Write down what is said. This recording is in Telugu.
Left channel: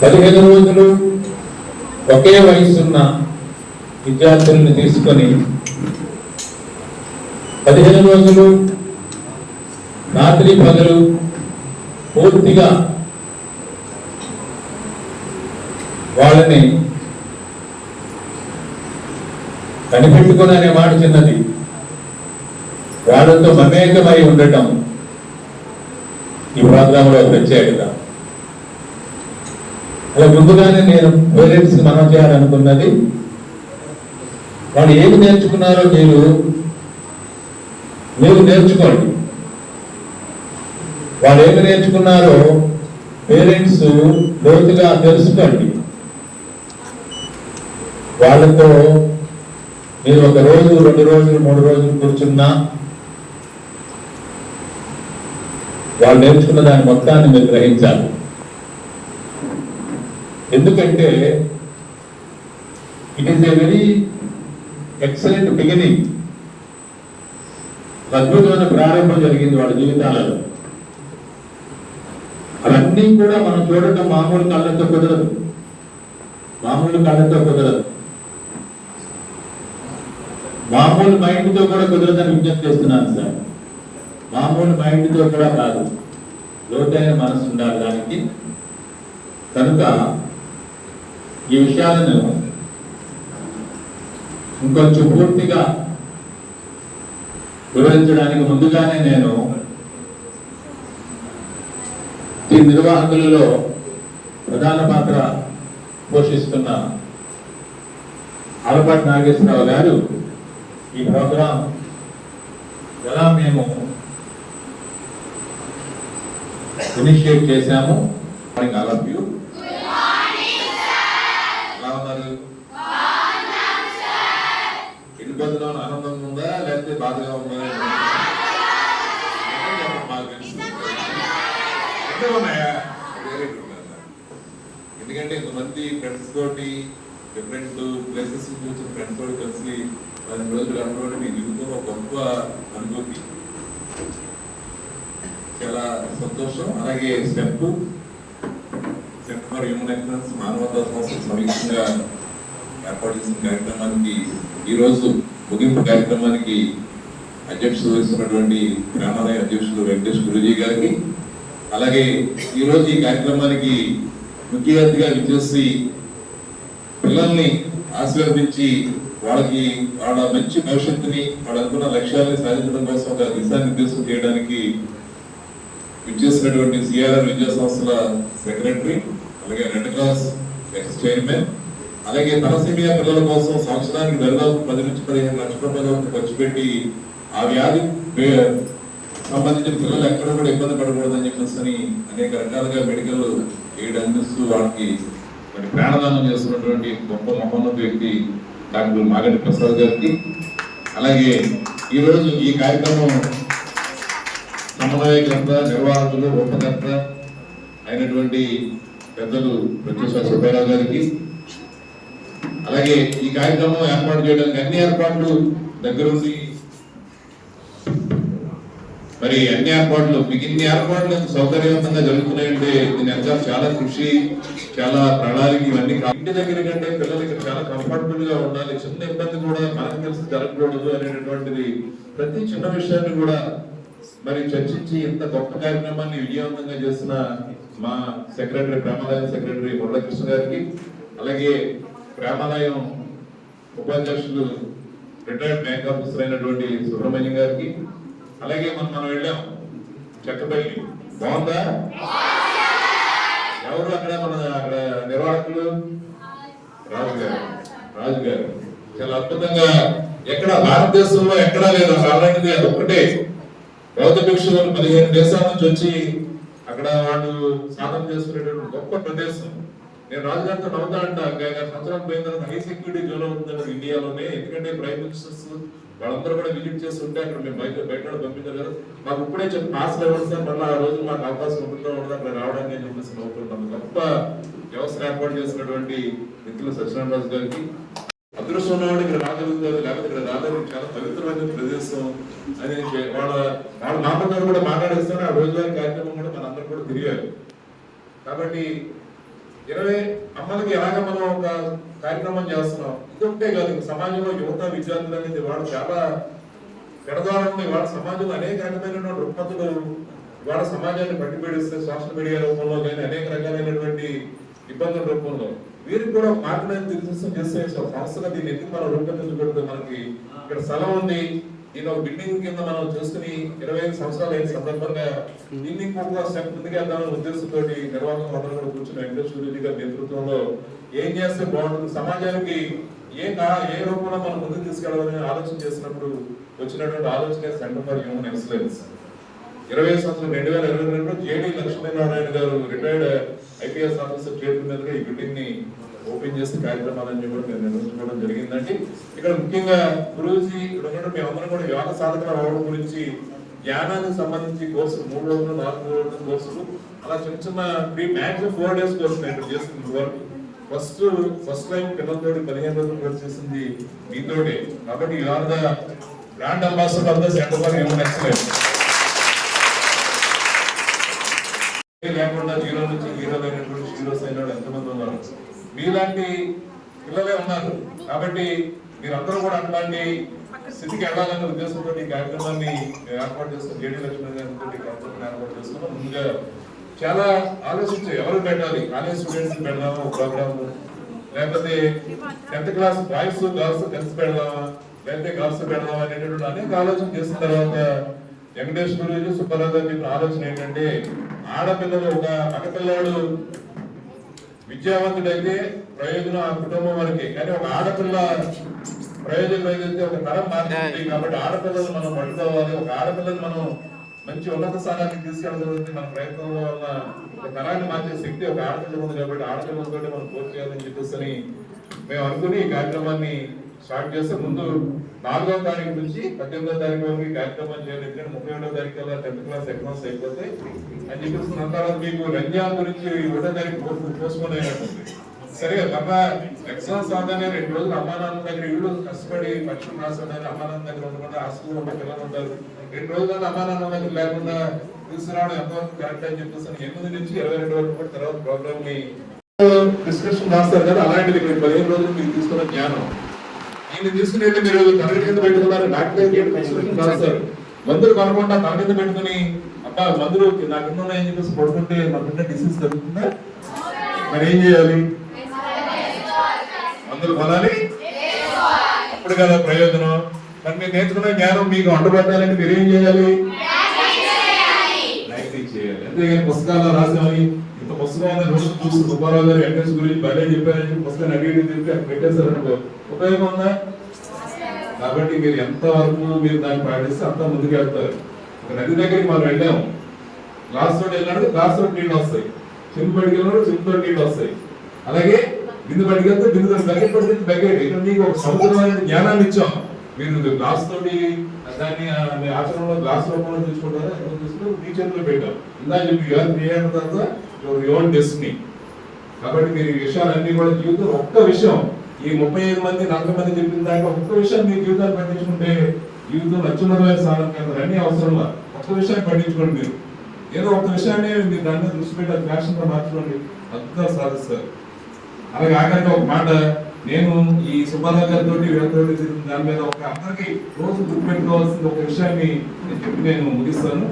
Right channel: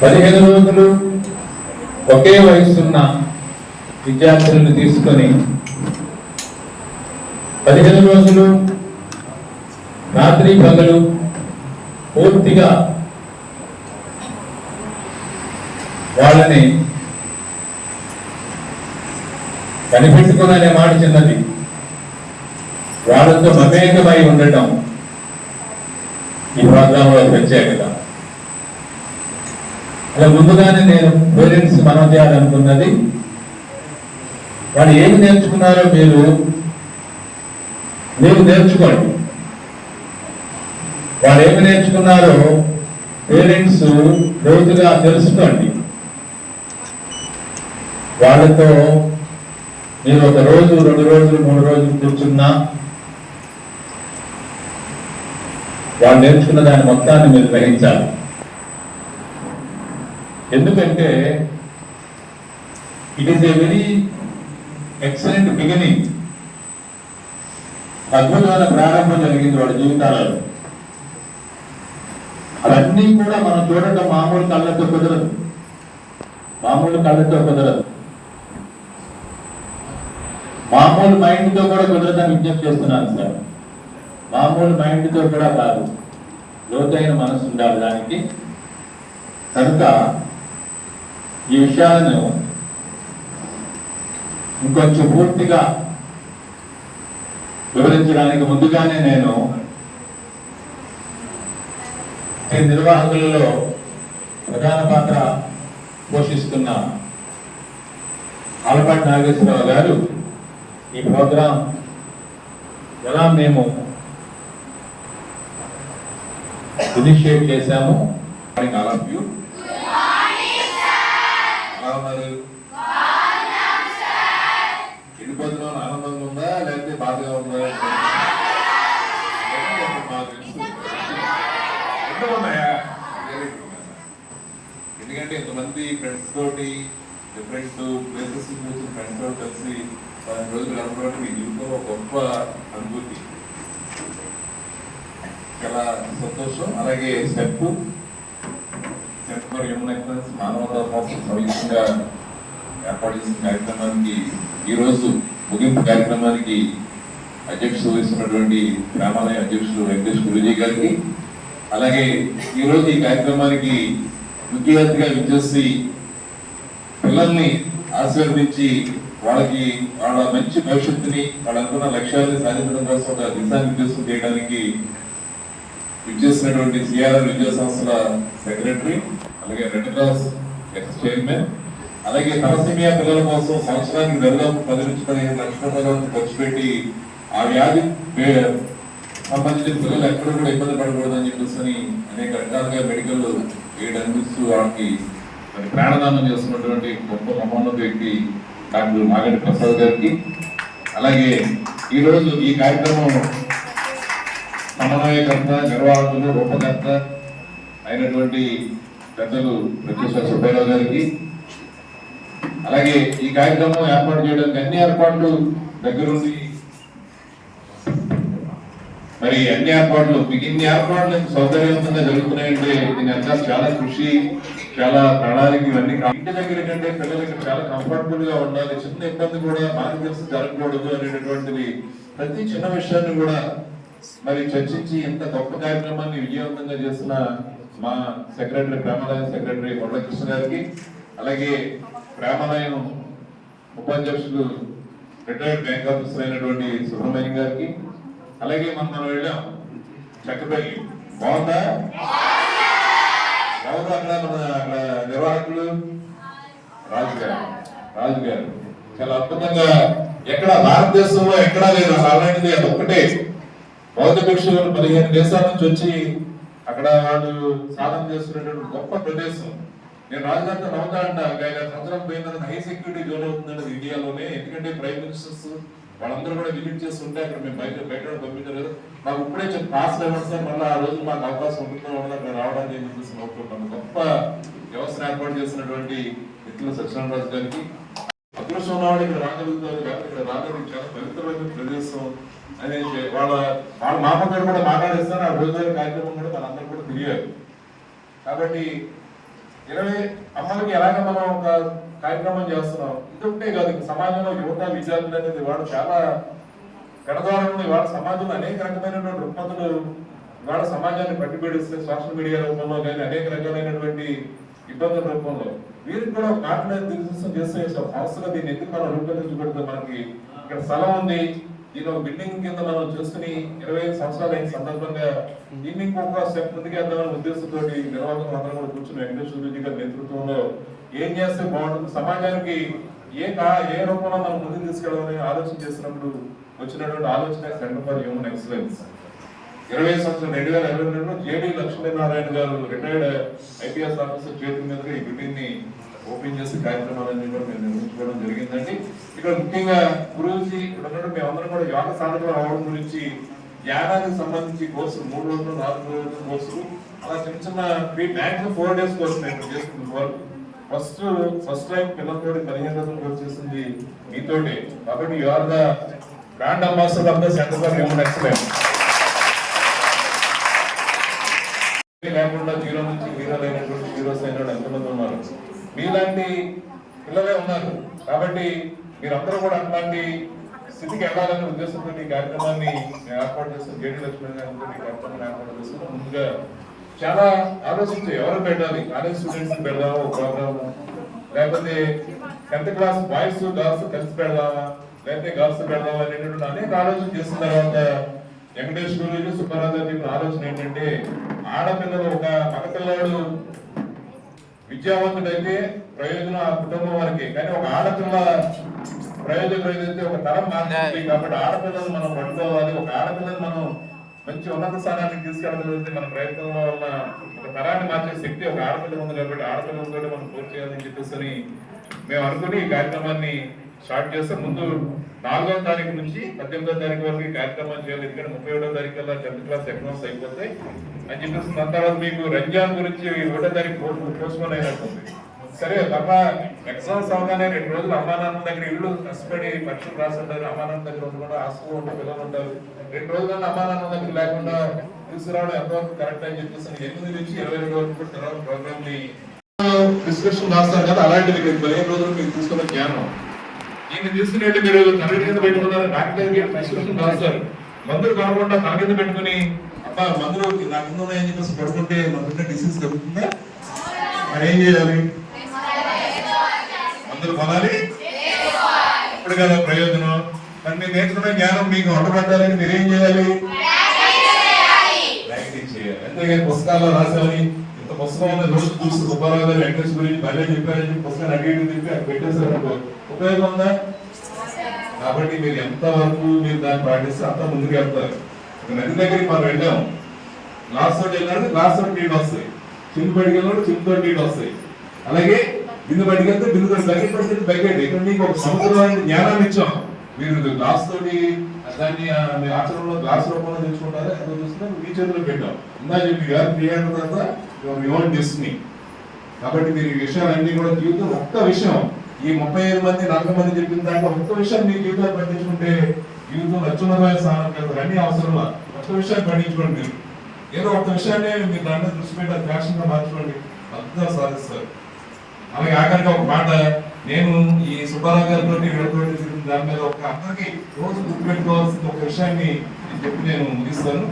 15 రోజులు ఒకే వయసున్న విద్యార్థులను తీసుకొని 15 రోజులు రాత్రి పగలు పూర్తిగా వాళ్ళని కనిపెట్టుకునే మాట చిన్నది, వాళ్ళతో మమేకమై ఉండటం ఈ ప్రోగ్రాంలో ప్రత్యేకత. అలా ముందుగానే నేను పేరెంట్స్ మనం చేయాలనుకున్నది, వాళ్ళు ఏమి నేర్చుకున్నారో మీరు నేర్చుకోండి. వాళ్ళు ఏమి నేర్చుకున్నారో పేరెంట్స్ లోతుగా తెలుసుకోండి. వాళ్ళతో మీరు 1 రోజు 2 రోజులు 3 రోజులు కూర్చున్నా వాళ్ళు నేర్చుకున్న దాని మొత్తాన్ని మీరు గ్రహించాలి. ఎందుకంటే it is a very excellent beginning. అద్భుతమైన ప్రారంభం జరిగింది వాడి జీవితాలలో. అవన్నీ కూడా మనం చూడటం మామూలు కళ్ళతో కుదరదు, మామూలు మైండ్తో కూడా కుదరదని విజ్ఞప్తి చేస్తున్నాను సార్. మామూలు మైండ్తో కూడా కాదు, లోతైన మనసు ఉండాలి దానికి. కనుక ఈ విషయాలను ఇంకొంచెం పూర్తిగా వివరించడానికి ముందుగానే నేను ఈ నిర్వాహకులలో ప్రధాన పాత్ర పోషిస్తున్న ఆలపాటి నాగేశ్వరరావు గారు ఈ ప్రోగ్రాం ఎలా మేము ఇనిషియేట్ చేశాము. ఆల్ ఆఫ్ యూ ఇరుపదిలో ఆనందంగా ఉందా లేకపోతే బాధగా ఉందా? మాకు తెలుసు, ఎందుకంటే ఇంతమంది ఫ్రెండ్స్ తోటి డిఫరెంట్ ప్లేసెస్ నుంచి వచ్చిన ఫ్రెండ్స్ తోటి కలిసి 10 రోజులు గడపడం మీ జీవితంలో గొప్ప అనుభూతి, చాలా సంతోషం. అలాగే సెంటర్ ఫర్ హ్యూమన్ ఎక్సలెన్స్ మానవతా సంస్థ సంయుక్తంగా ఏర్పాటు చేసిన కార్యక్రమానికి ఈరోజు ముగింపు కార్యక్రమానికి అధ్యక్షత వహిస్తున్నటువంటి గ్రామాలయ అధ్యక్షుడు వెంకటేష్ గురుజీ గారికి, అలాగే ఈరోజు ఈ కార్యక్రమానికి ముఖ్య అతిథిగా విచ్చేసి పిల్లల్ని ఆశీర్వదించి వాళ్ళకి వాళ్ళ మంచి భవిష్యత్తుని వాళ్ళు అనుకున్న లక్ష్యాలను సాధించడం కోసం ఒక దిశానిర్దేశం చేయడానికి విచ్చేసినటువంటి సిఆర్ఆర్ విద్యా సంస్థల సెక్రటరీ, అలాగే రెడ్ క్రాస్ ఎక్స్ చైర్మన్, అలాగే తలసీమియా పిల్లల కోసం సంవత్సరానికి 10 నుంచి 15 లక్షల రూపాయలు ఖర్చు పెట్టి ఆ వ్యాధి సంబంధించిన పిల్లలు ఎక్కడ కూడా ఇబ్బంది పడకూడదని చెప్పేసి అనేక రకాలుగా మెడికల్ ఎయిడ్ అందిస్తూ వాళ్ళకి మరి ప్రాణదానం చేస్తున్నటువంటి గొప్ప మహోన్నత వ్యక్తి డాక్టర్ మాగంటి ప్రసాద్ గారికి, అలాగే ఈరోజు ఈ కార్యక్రమం సమన్వయకర్త, నిర్వాహకులు, రూపకర్త అయినటువంటి పెద్దలు ప్రొఫెసర్ సుబ్బారావు గారికి, అలాగే ఈ కార్యక్రమం ఏర్పాటు చేయడానికి అన్ని ఏర్పాట్లు దగ్గరుండి మరి అన్ని ఏర్పాట్లు మీకు ఇన్ని ఏర్పాట్లు సౌకర్యవంతంగా జరుగుతున్నాయంటే దీని అంతా చాలా కృషి, చాలా ప్రణాళిక, ఇవన్నీ ఇంటి దగ్గర కంటే పిల్లలకి చాలా కంఫర్టబుల్ గా ఉండాలి. చిన్న ఇబ్బంది కూడా మనకు తెలిసి జరగకూడదు అనేటటువంటిది ప్రతి చిన్న విషయాన్ని కూడా మరి చర్చించి ఇంత గొప్ప కార్యక్రమాన్ని విజయవంతంగా చేసిన మా సెక్రటరీ, ప్రేమాలయం సెక్రటరీ మురళకృష్ణ గారికి, అలాగే ప్రేమాలయం ఉపాధ్యక్షులు రిటైర్డ్ బ్యాంక్ ఆఫీసర్ అయినటువంటి సుబ్రహ్మణ్యం గారికి, అలాగే మనం వెళ్ళాం చక్కపల్లి, బాగుందా? ఎవరు అక్కడ నిర్వాహకులు? రాజు గారు చాలా అద్భుతంగా, ఎక్కడ భారతదేశంలో ఎక్కడా లేదు అలాంటిది, అది ఒక్కటే. బౌద్ధ భిక్షులు 15 దేశాల నుంచి వచ్చి అక్కడ వాళ్ళు సాధన చేస్తున్నటువంటి గొప్ప ప్రదేశం. నేను రాజుగారితో నవ్వుతా అంట, 5 సంవత్సరాలు పోయిన తర్వాత హై సెక్యూరిటీ జోన్ అవుతుందండి ఇండియాలోనే. ఎందుకంటే ప్రైమ్ మినిస్టర్స్ వాళ్ళందరూ కూడా విజిట్ చేస్తుంటే అక్కడ మేము బయట పంపించలేదు. మాకు ఇప్పుడే చెప్పి పాస్ ఇవ్వండి సార్, మళ్ళీ ఆ రోజు మాకు అవకాశం ఉంటుందో ఉండదు అక్కడ రావడానికి చెప్పేసి నవ్వుతుంటాను. గొప్ప వ్యవస్థను ఏర్పాటు చేసినటువంటి మిత్రులు సత్యనారాయణ గారికి, అదృష్టం ఉన్నవాడు ఇక్కడ రాగలుగుతారు, లేకపోతే ఇక్కడ రాలేదు. చాలా పవిత్రమైన ప్రదేశం అని వాళ్ళ మామతో కూడా మాట్లాడేస్తాను. ఆ రోజువారీ కార్యక్రమం కూడా మనందరూ కూడా తిరిగారు. కాబట్టి 20 అమ్మలకి ఎలాగ మనం ఒక కార్యక్రమం చేస్తున్నాం. ఇది ఒకటే కాదు, సమాజంలో యువత విద్యార్థులు అనేది వాళ్ళు చాలా పెడదారం ఉంది. వాళ్ళ సమాజంలో అనేక రకమైనటువంటి రుగ్మతులు ఇవాళ సమాజాన్ని పట్టిపెడిస్తే సోషల్ మీడియా రూపంలో కానీ అనేక రకాలైనటువంటి ఇబ్బందుల రూపంలో వీరికి కూడా మార్గం నిర్దేశం చేస్తే సంస్థగా దీన్ని ఎందుకు మనం రూపొందించబడుతుంది. మనకి ఇక్కడ స్థలం ఉంది, దీని ఒక బిల్డింగ్ కింద మనం చేసుకుని 25 సంవత్సరాలు అయిన సందర్భంగా దీన్ని ఇంకొక స్టెప్ ముందుకెళ్దామని ఉద్దేశంతో నిర్వాహకం అందరూ కూడా కూర్చుని వెంకటేశ్వరరెడ్డి గారి నేతృత్వంలో ఏం చేస్తే బాగుంటుంది, సమాజానికి ఏ రూపంలో మనం ముందుకు తీసుకెళ్ళాలని ఆలోచన చేసినప్పుడు వచ్చినటువంటి ఆలోచన సెంటర్ ఫర్ హ్యూమన్ ఎక్సలెన్స్. 20 సంవత్సరం 2022లో జేడి లక్ష్మీనారాయణ గారు రిటైర్డ్ ఐపీఎస్ ఆఫీసర్ చేతుల మీదుగా ఈ బిల్డింగ్ ని ఓపెన్ చేసి కార్యక్రమాలన్నీ కూడా మేము నిర్వహించుకోవడం జరిగిందండి. ఇక్కడ ముఖ్యంగా గురుజీ ఇక్కడ మేమందరం కూడా యోగ సాధకులు అవడం గురించి జ్ఞానానికి సంబంధించి కోర్సులు 3 రోజులు 4 రోజుల కోర్సులు అలా చిన్న చిన్న మ్యాక్సిమం 4 డేస్ కోర్సు నేను చేస్తుంది వరకు ఫస్ట్ టైం పిల్లలతోటి 15 రోజులు కోర్సు చేసింది మీతోటే. కాబట్టి you are the brand ambassador of the Centre for Human Excellence. లేకుండా జీరో నుంచి హీరోలు అయినటువంటి హీరోస్ అయిన ఎంతమంది ఉన్నారు, మీలాంటి పిల్లలే ఉన్నారు. కాబట్టి మీరందరూ కూడా అట్లాంటి స్థితికి వెళ్ళాలనే ఉద్దేశంతో ఈ కార్యక్రమాన్ని ఏర్పాటు చేస్తున్నాం. జేడీ లక్ష్మీ కార్యక్రమాన్ని ఏర్పాటు చేస్తున్నాం. ముందుగా చాలా ఆలోచించి ఎవరు పెట్టాలి, కాలేజ్ స్టూడెంట్స్ పెడదాము ఒక ప్రోగ్రాము, లేకపోతే 10th క్లాస్ బాయ్స్ గర్ల్స్ కలిసి పెడదామా, లేకపోతే గర్ల్స్ పెడదామా అనేటువంటి అనేక ఆలోచన చేసిన తర్వాత వెంకటేశ్వర సుబ్బారావు గారు చెప్పిన ఆలోచన ఏంటంటే ఆడపిల్లలు ఒక మగపిల్లడు విద్యావంతుడైతే ప్రయోజనం ఆ కుటుంబం వారికి, కానీ ఒక ఆడపిల్ల ప్రయోజనం ఏదైతే ఒక తరం మారింది. కాబట్టి ఆడపిల్లలు మనం పట్టుకోవాలి, ఒక ఆడపిల్లని మనం మంచి ఉన్నత స్థానానికి తీసుకెళ్ళగలిగితే మన ప్రయత్నంలో ఉన్న ఒక తరాన్ని మార్చే శక్తి ఒక ఆడపిల్ల ఉంది. కాబట్టి ఆడపిల్లలతో మనం పూర్తి చేయాలని చెప్పేసి మేము అనుకుని ఈ కార్యక్రమాన్ని స్టార్ట్ చేస్తే ముందు 4వ తారీఖు నుంచి 18వ తారీఖు వరకు ఈ కార్యక్రమం చేయాలి. ఎందుకంటే 31వ తారీఖు కల్లా 10th క్లాస్ ఎగ్జామ్స్ అయిపోతాయి అని చెప్పేసి దాని తర్వాత మీకు రంజాన్ గురించి 1వ తారీఖు పోస్ట్పోన్ అయినట్టుంది. సరే అమ్మా ఎగ్జామ్స్ అవగానే 2 రోజులు అమ్మా నాన్న దగ్గర ఇళ్ళు కష్టపడి పరీక్షలు రాస్తుంటారు, అమ్మా నాన్న దగ్గర ఉండకుండా హాస్టల్లో ఉంటే పిల్లలు ఉంటారు. 2 రోజులు అమ్మా నాన్న దగ్గర లేకుండా తీసుకురావడం ఎంతవరకు కరెక్ట్ అని చెప్పేసి 8 నుంచి 22 వరకు కూడా తర్వాత ప్రోగ్రామ్ ని డిస్కషన్ రాస్తారు కదా, అలాంటిది 15 రోజులు మీకు తీసుకున్న జ్ఞానం దీన్ని తీసుకునేట్టు మీరు తన కింద పెట్టుకున్నారు. డాక్టర్ మందులు కొనకుండా తన కింద పెట్టుకుని అబ్బా మందులు నా కింద ఉన్నాయని చెప్పేసి పడుకుంటే మన డిసీజ్ కలుగుతుందా? మరి ఏం చేయాలి? మందులు కొనాలి, ఇప్పుడు కదా ప్రయోజనం. మరి మీరు నేర్చుకున్న జ్ఞానం మీకు అంటబట్టాలని మీరు ఏం చేయాలి? ప్రాక్టీస్ చేయాలి. అంతేగాని పుస్తకాల్లో రాసామని ఇంత పుస్తకం ఉందని రోజు చూసి సుబ్బారావు గారు వెంకటేష్ గురించి భలే చెప్పారని చెప్పి పుస్తకాన్ని అడిగి చెప్పి అక్కడ పెట్టేశారనుకో ఉపయోగం ఉందా? కాబట్టి మీరు ఎంత వరకు మీరు దాన్ని పాటిస్తే అంత ముందుకు వెళ్తారు. ఒక నది దగ్గరికి మనం వెళ్ళాము, గ్లాస్ తోటి వెళ్ళినాడు గ్లాస్ తోటి నీళ్ళు వస్తాయి, చిమ్ము బడికి వెళ్ళినాడు చిమ్ముతో నీళ్ళు వస్తాయి. అలాగే బిందు బడికి వెళ్తే బిందు బకెట్ పడితే బకెట్. ఇక్కడ మీకు ఒక సముద్రమైన జ్ఞానాన్ని ఇచ్చాం. మీరు గ్లాస్ తోటి దాన్ని ఆచరణలో గ్లాస్ రూపంలో తెచ్చుకుంటారా ఎంత తీసుకుంటే మీ చేతిలో పెట్టాం. ఇందా చెప్పి క్రియాన్ తర్వాత యువన్ డెస్టినీ. కాబట్టి మీరు ఈ విషయాలన్నీ కూడా జీవితం ఒక్క విషయం ఈ 35 మంది 40 మంది చెప్పిన దాంట్లో ఒక్క విషయం మీ జీవితాలు పట్టించుకుంటే జీవితం అత్యున్నతమైన స్థానం వెళ్తారు. అన్ని అవసరం ఒక్క విషయాన్ని పట్టించుకోండి. మీరు ఏదో ఒక విషయాన్ని మీరు దాన్ని దృష్టి పెట్టి యాక్షన్ గా మార్చుకోండి, అద్భుతాలు సాధిస్తారు. అలాగే ఆఖరికి ఒక మాట, నేను ఈ సుబ్బారావు గారితో వీళ్ళతోటి దాని మీద ఒక అందరికి రోజు గుర్తుపెట్టుకోవాల్సిన ఒక విషయాన్ని నేను ముగిస్తాను.